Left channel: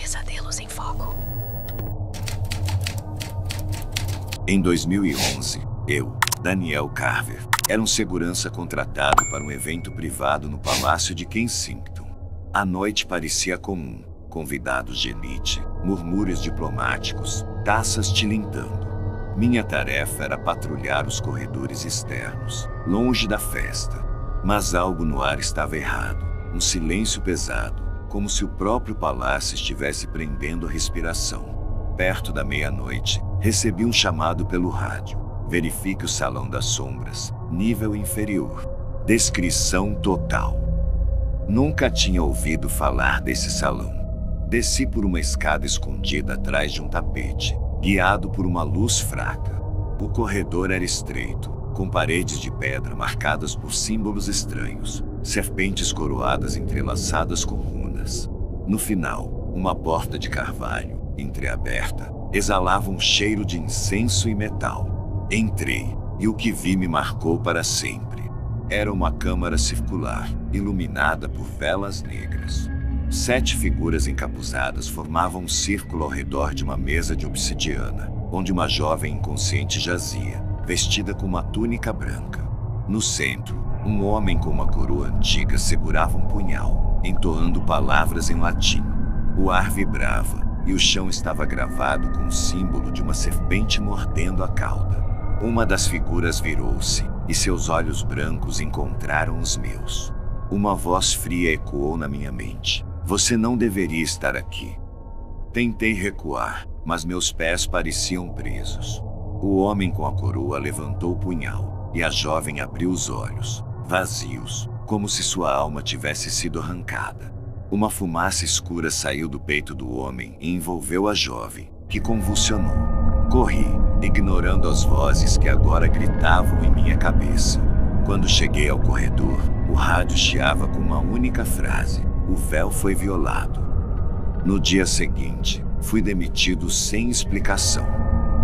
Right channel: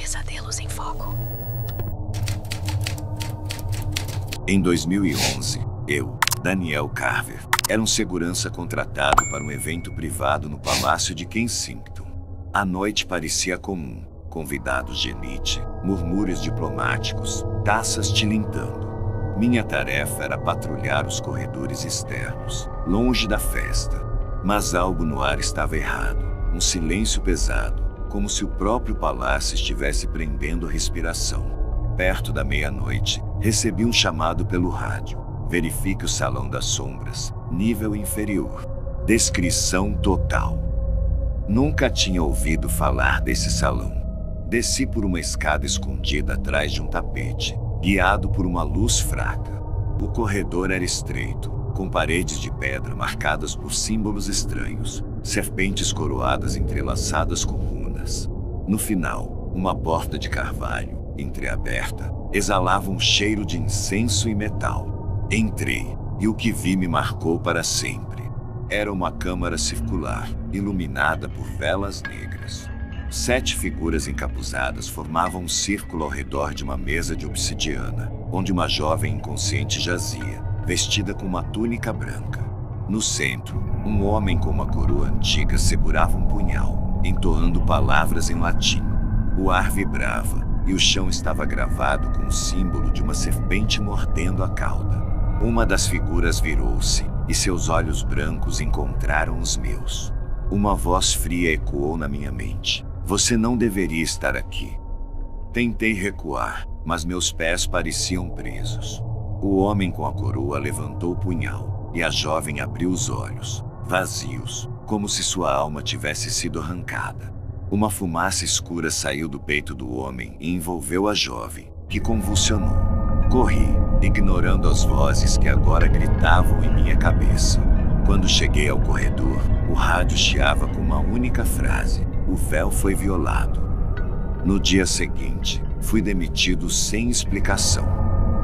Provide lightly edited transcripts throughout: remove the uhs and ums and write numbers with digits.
Pesadelos em Foco. Em 2011, eu, Daniel Carver, era um segurança contratado para um evento privado no Palácio de Kensington. A noite parecia comum, convidados de elite, murmúrios diplomáticos, taças tilintando. Minha tarefa era patrulhar os corredores externos, longe da festa. Mas algo no ar estava errado, um silêncio pesado, como se o próprio palácio estivesse prendendo a respiração. Perto da meia-noite, recebi um chamado pelo rádio. Verifique o Salão das Sombras, nível inferior. Descrição total. Nunca tinha ouvido falar desse salão. Desci por uma escada escondida atrás de um tapete, guiado por uma luz fraca. O corredor era estreito, com paredes de pedra marcadas por símbolos estranhos, serpentes coroadas entrelaçadas com runas. No final, uma porta de carvalho, entreaberta, exalava um cheiro de incenso e metal. Entrei, e o que vi me marcou para sempre. Era uma câmara circular, iluminada por velas negras. 7 figuras encapuzadas formavam um círculo ao redor de uma mesa de obsidiana, onde uma jovem inconsciente jazia, vestida com uma túnica branca. No centro, um homem com uma coroa antiga segurava um punhal, entoando palavras em latim. O ar vibrava, e o chão estava gravado com o símbolo de uma serpente mordendo a cauda. Uma das figuras virou-se, e seus olhos brancos encontraram os meus. Uma voz fria ecoou na minha mente. Você não deveria estar aqui. Tentei recuar, mas meus pés pareciam presos. O homem com a coroa levantou o punhal, e a jovem abriu os olhos, vazios, como se sua alma tivesse sido arrancada. Uma fumaça escura saiu do peito do homem e envolveu a jovem, que convulsionou. Corri, ignorando as vozes que agora gritavam em minha cabeça. Quando cheguei ao corredor, o rádio chiava com uma única frase: o véu foi violado. No dia seguinte, fui demitido sem explicação.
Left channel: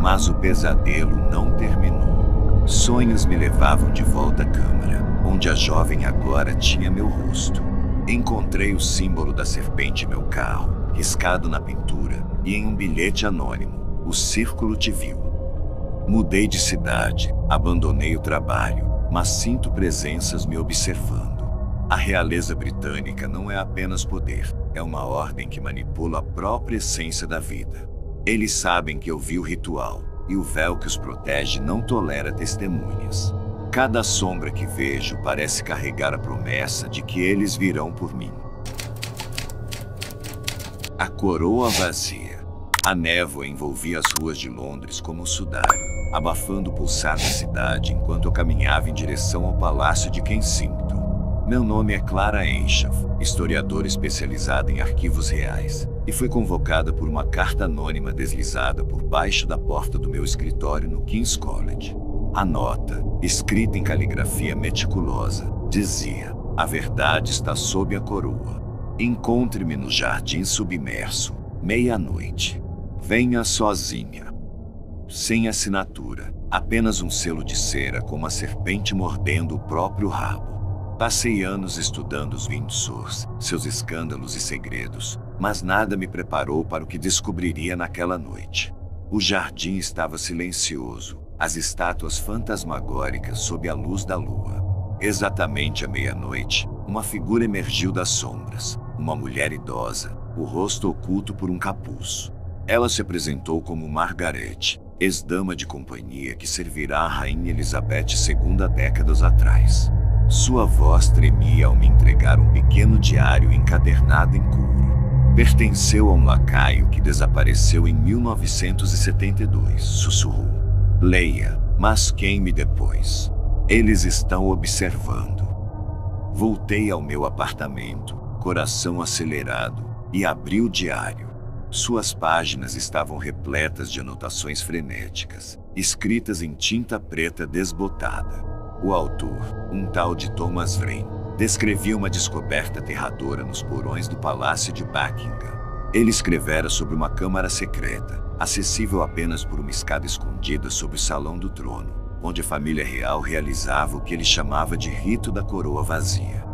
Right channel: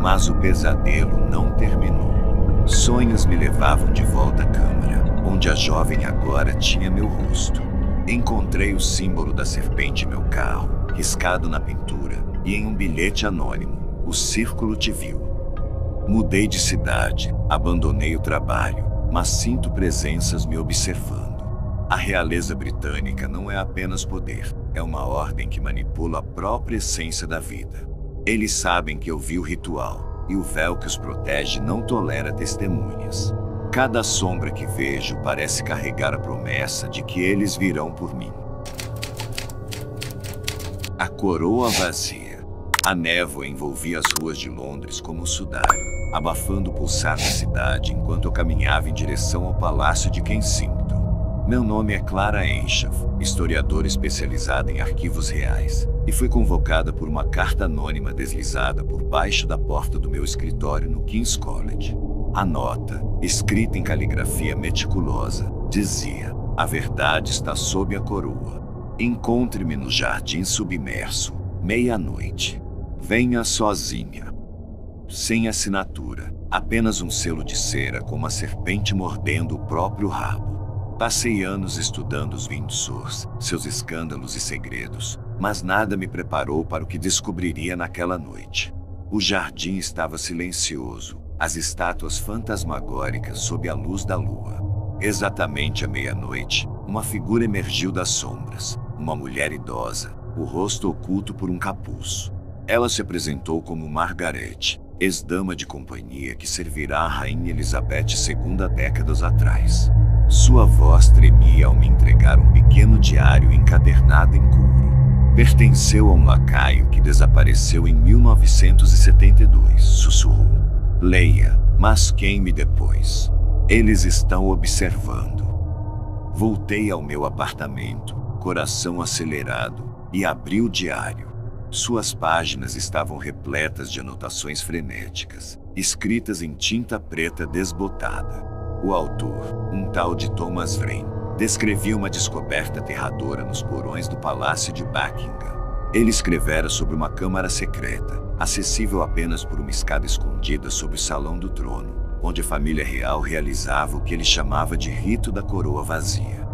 Mas o pesadelo não terminou. Sonhos me levavam de volta à câmara, onde a jovem agora tinha meu rosto. Encontrei o símbolo da serpente em meu carro, riscado na pintura, e em um bilhete anônimo: o círculo te viu. Mudei de cidade, abandonei o trabalho, mas sinto presenças me observando. A realeza britânica não é apenas poder, é uma ordem que manipula a própria essência da vida. Eles sabem que eu vi o ritual, e o véu que os protege não tolera testemunhas. Cada sombra que vejo parece carregar a promessa de que eles virão por mim. A coroa vazia. A névoa envolvia as ruas de Londres como um sudário, abafando o pulsar da cidade enquanto eu caminhava em direção ao Palácio de Kensington. Meu nome é Clara Enshaw, historiadora especializada em arquivos reais, e fui convocada por uma carta anônima deslizada por baixo da porta do meu escritório no King's College. A nota, escrita em caligrafia meticulosa, dizia: a verdade está sob a coroa. Encontre-me no jardim submerso, meia-noite. Venha sozinha. Sem assinatura, apenas um selo de cera com uma serpente mordendo o próprio rabo. Passei anos estudando os Windsors, seus escândalos e segredos, mas nada me preparou para o que descobriria naquela noite. O jardim estava silencioso, as estátuas fantasmagóricas sob a luz da lua. Exatamente à meia-noite, uma figura emergiu das sombras, uma mulher idosa, o rosto oculto por um capuz. Ela se apresentou como Margaret, ex-dama de companhia que servirá a Rainha Elizabeth II décadas atrás. Sua voz tremia ao me entregar um pequeno diário encadernado em couro. Pertenceu a um lacaio que desapareceu em 1972, sussurrou. Leia, mas queime depois. Eles estão observando. Voltei ao meu apartamento, coração acelerado, e abri o diário. Suas páginas estavam repletas de anotações frenéticas, escritas em tinta preta desbotada. O autor, um tal de Thomas Wren, descrevia uma descoberta aterradora nos porões do Palácio de Buckingham. Ele escrevera sobre uma câmara secreta, acessível apenas por uma escada escondida sob o Salão do Trono, onde a família real realizava o que ele chamava de rito da coroa vazia.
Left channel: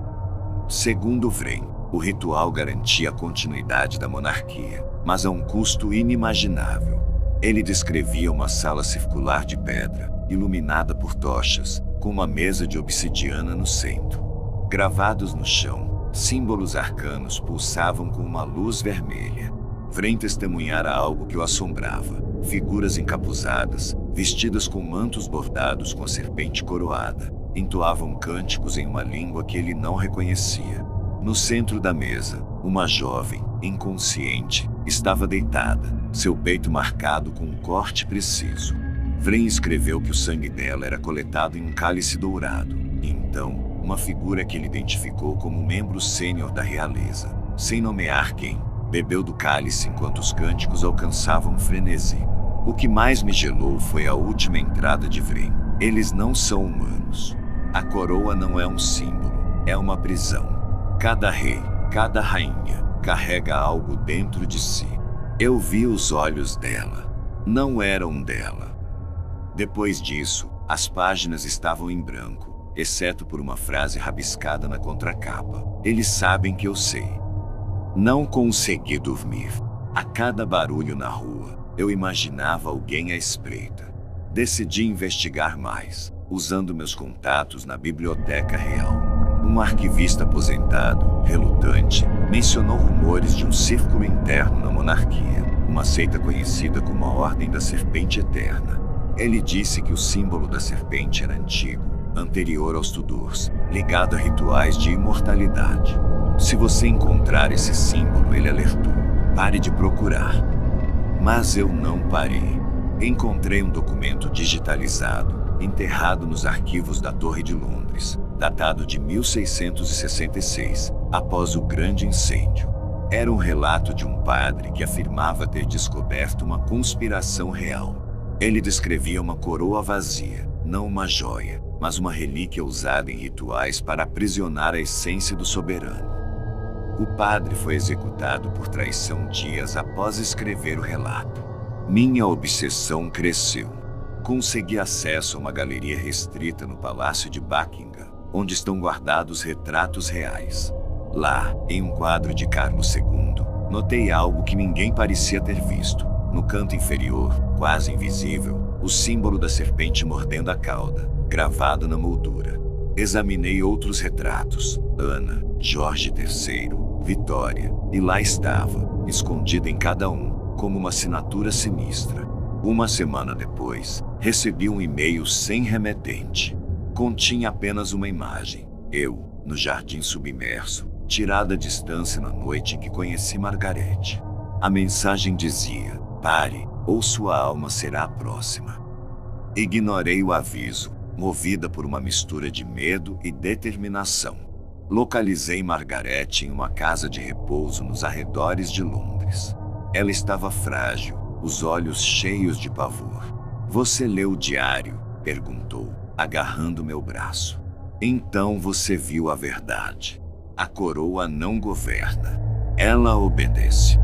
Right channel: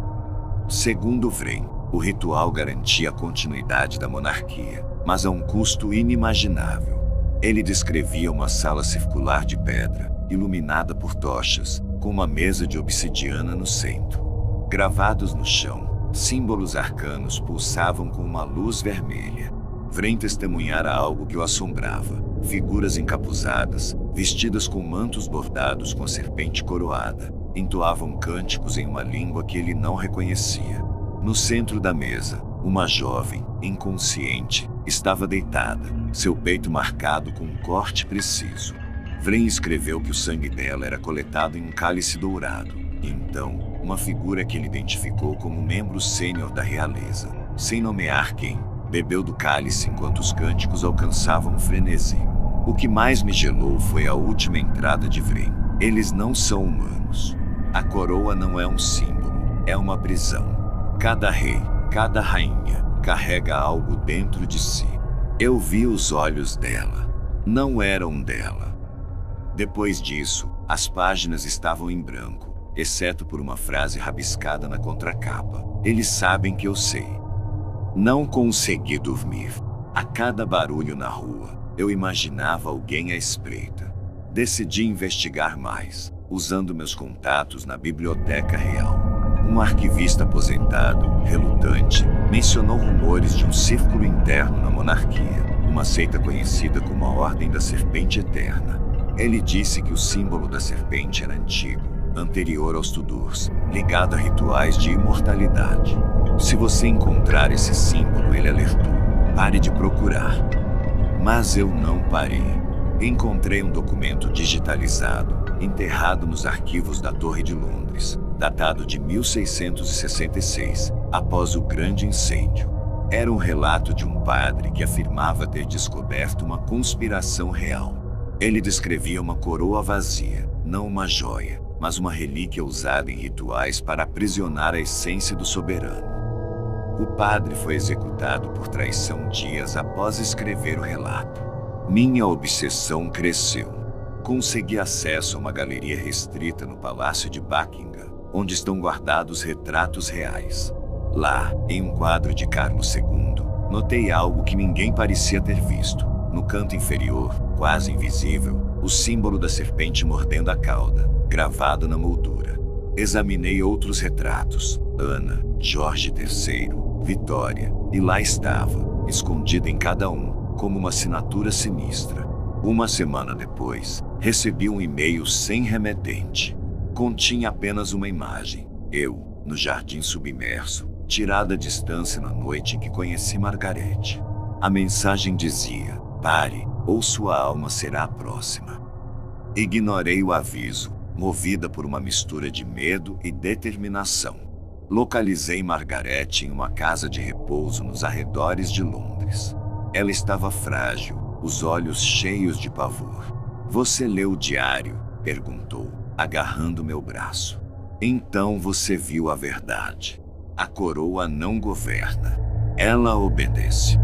Segundo Wren, O ritual garantia a continuidade da monarquia, mas a um custo inimaginável. Ele descrevia uma sala circular de pedra, iluminada por tochas, com uma mesa de obsidiana no centro. Gravados no chão, símbolos arcanos pulsavam com uma luz vermelha. Vren testemunhara algo que o assombrava. Figuras encapuzadas, vestidas com mantos bordados com a serpente coroada, entoavam cânticos em uma língua que ele não reconhecia. No centro da mesa, uma jovem, inconsciente, estava deitada, seu peito marcado com um corte preciso. Vren escreveu que o sangue dela era coletado em um cálice dourado. E então, uma figura que ele identificou como membro sênior da realeza, sem nomear quem, bebeu do cálice enquanto os cânticos alcançavam um frenesi. O que mais me gelou foi a última entrada de Vren. Eles não são humanos. A coroa não é um símbolo, é uma prisão. Cada rei, cada rainha, carrega algo dentro de si. Eu vi os olhos dela. Não eram dela. Depois disso, as páginas estavam em branco, exceto por uma frase rabiscada na contracapa. Eles sabem que eu sei. Não consegui dormir. A cada barulho na rua, eu imaginava alguém à espreita. Decidi investigar mais, usando meus contatos na Biblioteca Real. Um arquivista aposentado, relutante, mencionou rumores de um círculo interno na monarquia, uma seita conhecida como a Ordem da Serpente Eterna. Ele disse que o símbolo da serpente era antigo, anterior aos Tudors, ligado a rituais de imortalidade. Se você encontrar esse símbolo, ele alertou, pare de procurar. Mas eu não parei. Encontrei um documento digitalizado, enterrado nos arquivos da Torre de Londres, datado de 1666, após o grande incêndio. Era um relato de um padre que afirmava ter descoberto uma conspiração real. Ele descrevia uma coroa vazia, não uma joia, mas uma relíquia usada em rituais para aprisionar a essência do soberano. O padre foi executado por traição dias após escrever o relato. Minha obsessão cresceu. Consegui acesso a uma galeria restrita no Palácio de Buckingham, onde estão guardados retratos reais. Lá, em um quadro de Carlos II, notei algo que ninguém parecia ter visto. No canto inferior, quase invisível, o símbolo da serpente mordendo a cauda, gravado na moldura. Examinei outros retratos, Ana, Jorge III, Vitória, e lá estava, escondida em cada um, como uma assinatura sinistra. Uma semana depois, recebi um e-mail sem remetente. Continha apenas uma imagem, eu, no jardim submerso, tirada à distância na noite em que conheci Margarete. A mensagem dizia: pare, ou sua alma será a próxima. Ignorei o aviso, movida por uma mistura de medo e determinação. Localizei Margarete em uma casa de repouso nos arredores de Londres. Ela estava frágil, os olhos cheios de pavor. Você leu o diário? Perguntou, agarrando meu braço. Então você viu a verdade. A coroa não governa. Ela obedece.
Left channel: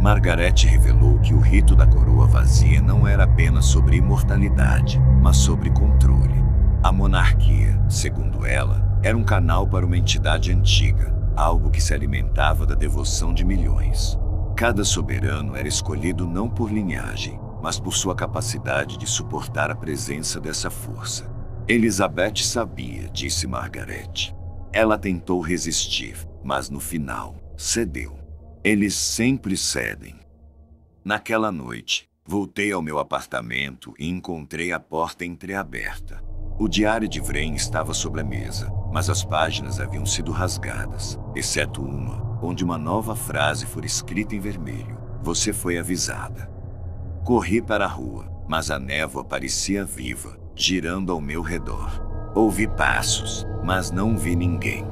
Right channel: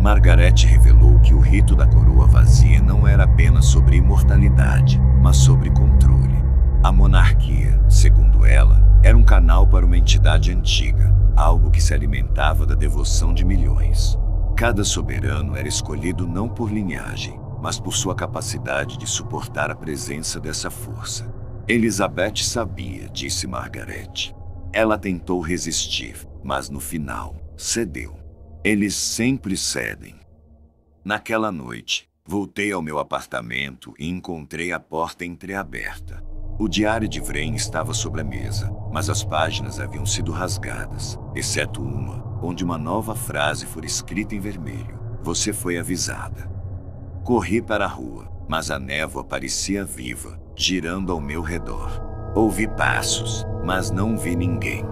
Margarete revelou que o rito da coroa vazia não era apenas sobre imortalidade, mas sobre controle. A monarquia, segundo ela, era um canal para uma entidade antiga, algo que se alimentava da devoção de milhões. Cada soberano era escolhido não por linhagem, mas por sua capacidade de suportar a presença dessa força. Elizabeth sabia, disse Margarete. Ela tentou resistir, mas no final, cedeu. Eles sempre cedem. Naquela noite, voltei ao meu apartamento e encontrei a porta entreaberta. O diário de Vren estava sobre a mesa, mas as páginas haviam sido rasgadas, exceto uma, onde uma nova frase fora escrita em vermelho. Você foi avisada. Corri para a rua, mas a névoa parecia viva, girando ao meu redor. Ouvi passos, mas não vi ninguém.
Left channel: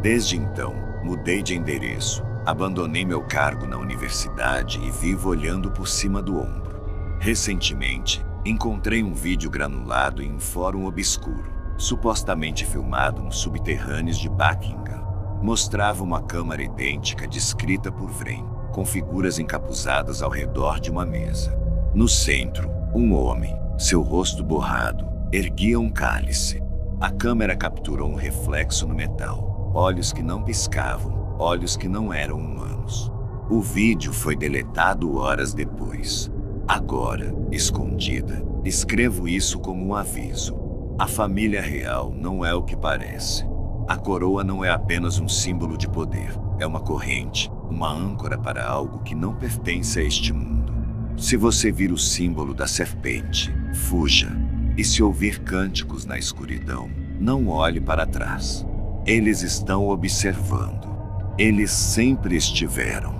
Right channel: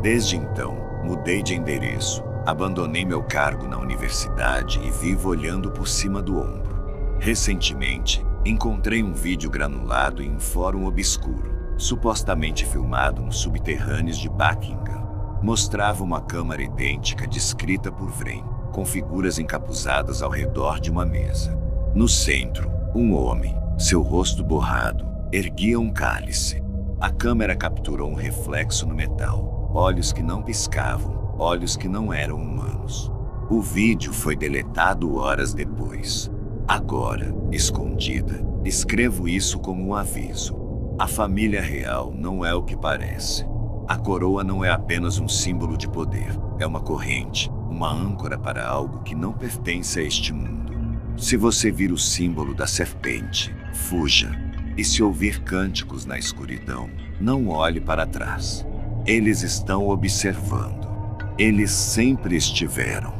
Desde então, mudei de endereço. Abandonei meu cargo na universidade e vivo olhando por cima do ombro. Recentemente, encontrei um vídeo granulado em um fórum obscuro, supostamente filmado nos subterrâneos de Buckingham. Mostrava uma câmara idêntica descrita por Vren, com figuras encapuzadas ao redor de uma mesa. No centro, um homem, seu rosto borrado, erguia um cálice. A câmera capturou um reflexo no metal. olhos que não piscavam, olhos que não eram humanos. O vídeo foi deletado horas depois. Agora, escondida, escrevo isso como um aviso. A família real não é o que parece. A coroa não é apenas um símbolo de poder, é uma corrente, uma âncora para algo que não pertence a este mundo. Se você vir o símbolo da serpente, fuja. E se ouvir cânticos na escuridão, não olhe para trás. Eles estão observando. Eles sempre estiveram.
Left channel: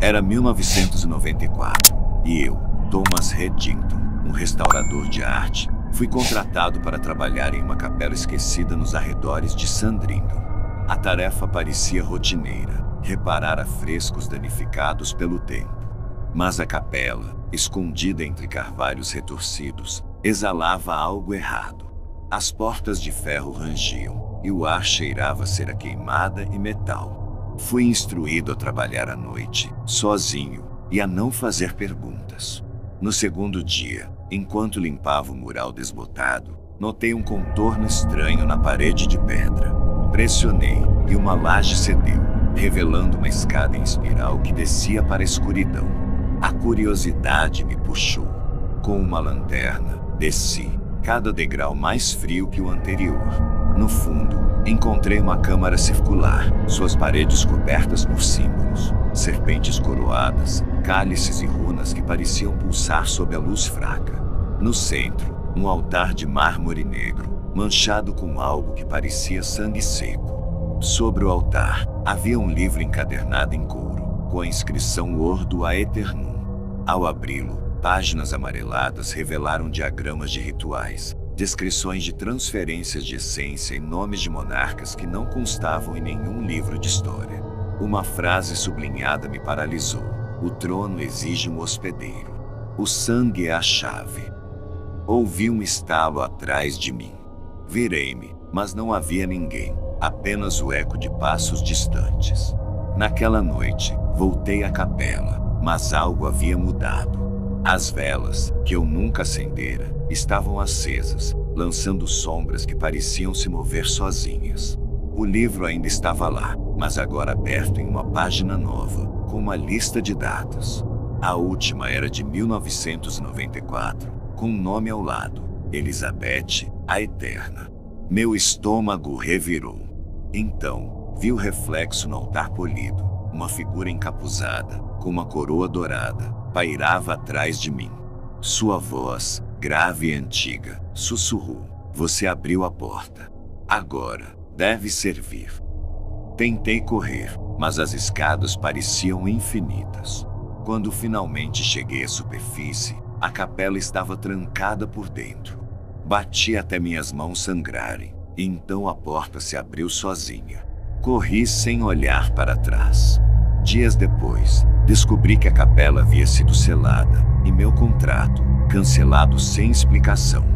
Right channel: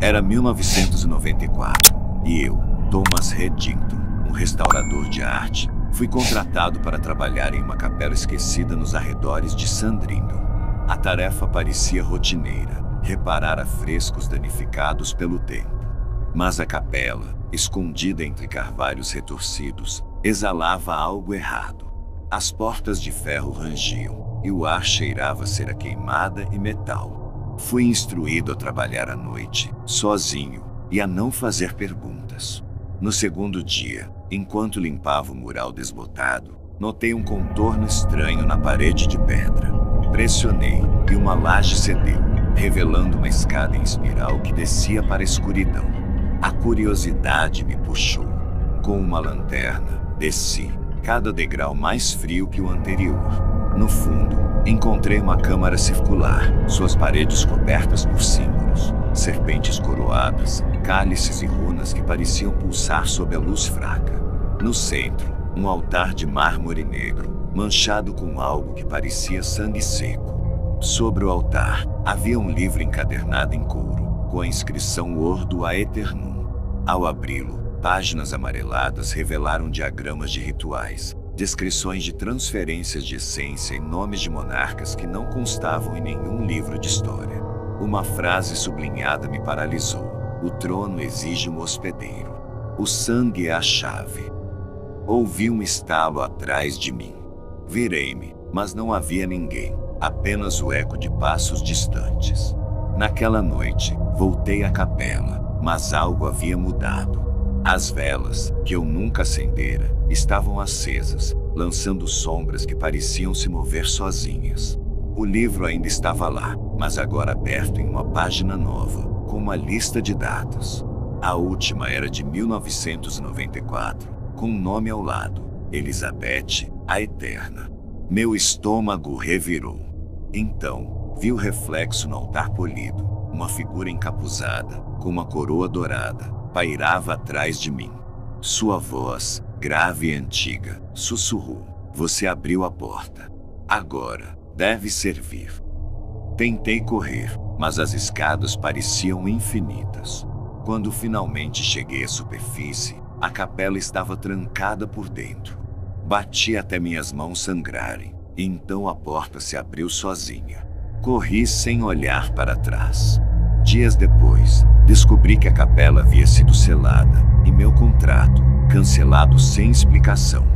Era 1994 e eu, Thomas Reddington, um restaurador de arte, fui contratado para trabalhar em uma capela esquecida nos arredores de Sandringham. A tarefa parecia rotineira, reparar afrescos danificados pelo tempo. Mas a capela, escondida entre carvalhos retorcidos, exalava algo errado. As portas de ferro rangiam e o ar cheirava cera queimada e metal. Fui instruído a trabalhar à noite, sozinho, e a não fazer perguntas. No segundo dia, enquanto limpava o mural desbotado, notei um contorno estranho na parede de pedra. Pressionei e uma laje cedeu, revelando uma escada em espiral que descia para a escuridão. A curiosidade me puxou. Com uma lanterna, desci, cada degrau mais frio que o anterior. No fundo, encontrei uma câmara circular, suas paredes cobertas por símbolos, serpentes coroadas, cálices e runas que pareciam pulsar sob a luz fraca. No centro, um altar de mármore negro, manchado com algo que parecia sangue seco. Sobre o altar, havia um livro encadernado em couro, com a inscrição Ordo a Eternum. Ao abri-lo, páginas amareladas revelaram diagramas de rituais, descrições de transferências de essência e nomes de monarcas que não constavam em nenhum livro de história. Uma frase sublinhada me paralisou. O trono exige um hospedeiro. O sangue é a chave. Ouvi um estalo atrás de mim. Virei-me, mas não havia ninguém, apenas o eco de passos distantes. Naquela noite, voltei à capela, mas algo havia mudado. As velas, que eu nunca acendera, estavam acesas, lançando sombras que pareciam se mover sozinhas. O livro ainda estava lá, mas agora aberto em uma página nova, com uma lista de datas. A última era de 1994, com um nome ao lado: Elizabeth, a Eterna. Meu estômago revirou. Então, vi o reflexo no altar polido. Uma figura encapuzada, com uma coroa dourada, pairava atrás de mim. Sua voz, grave e antiga, sussurrou: "Você abriu a porta. Agora, deve servir." Tentei correr, mas as escadas pareciam infinitas. Quando finalmente cheguei à superfície, a capela estava trancada por dentro. Bati até minhas mãos sangrarem, e então a porta se abriu sozinha. Corri sem olhar para trás. Dias depois, descobri que a capela havia sido selada, e meu contrato, cancelado sem explicação.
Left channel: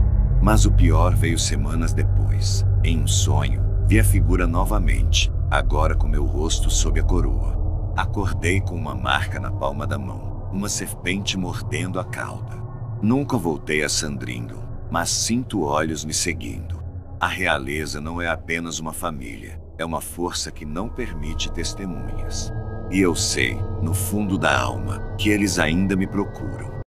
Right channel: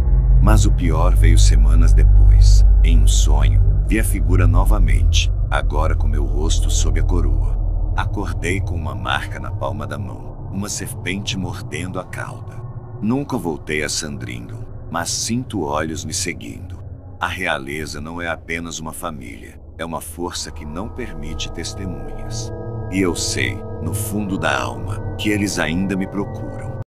Mas o pior veio semanas depois. Em um sonho, vi a figura novamente, agora com meu rosto sob a coroa. Acordei com uma marca na palma da mão, uma serpente mordendo a cauda. Nunca voltei a Sandringham, mas sinto olhos me seguindo. A realeza não é apenas uma família, é uma força que não permite testemunhas. E eu sei, no fundo da alma, que eles ainda me procuram.